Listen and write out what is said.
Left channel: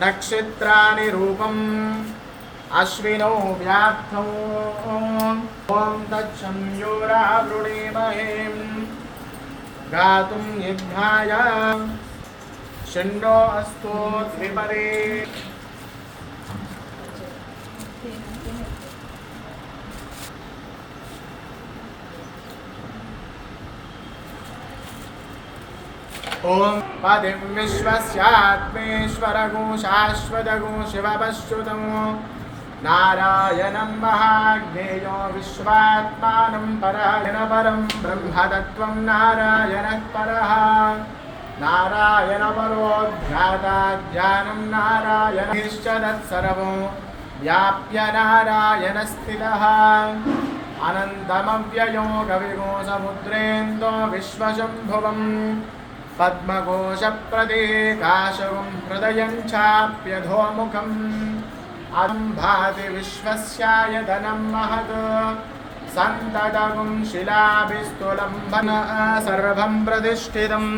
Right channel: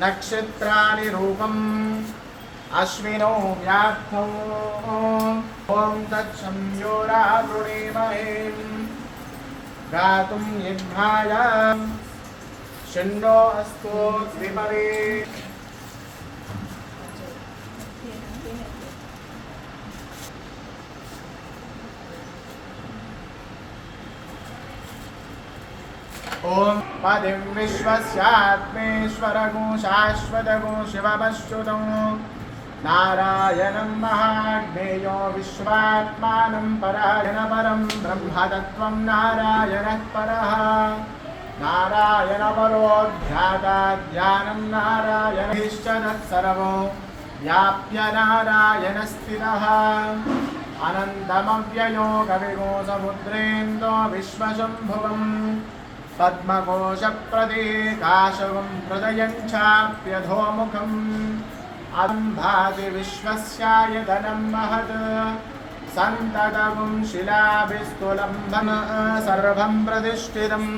नक्षत्राणि रूपम् अश्विनौ व्याप्तौ ॐ तत्संयोरावृणीमहे गातुं यज्ञाय शन्नो अस्तु द्विपदे ओम पदिं विश्वस्यात्मेश्वरगो शाश्वतगो शिवपश्रुतं नारायणं महाज्ञेयो विश्वात्मानं परायण परं ब्रह्मतत्त्वं नारायणः परः नारायणपरोऽध्याता ज्ञानं नारायणश्च तत्सर्वो व्याप्य नारायणस्थितः अनन्तमव्ययो कविगो समुद्रेन्दो विश्वशम्भुवम् पद्मकोशप्रदेकाशवं हृदयं चाप्यधोमुखम् अम्भाति विश्वस्यायतनं महत् सन्ततं शिलाभिस्तुलम्भन सर्वं प्रतिष्ठितम्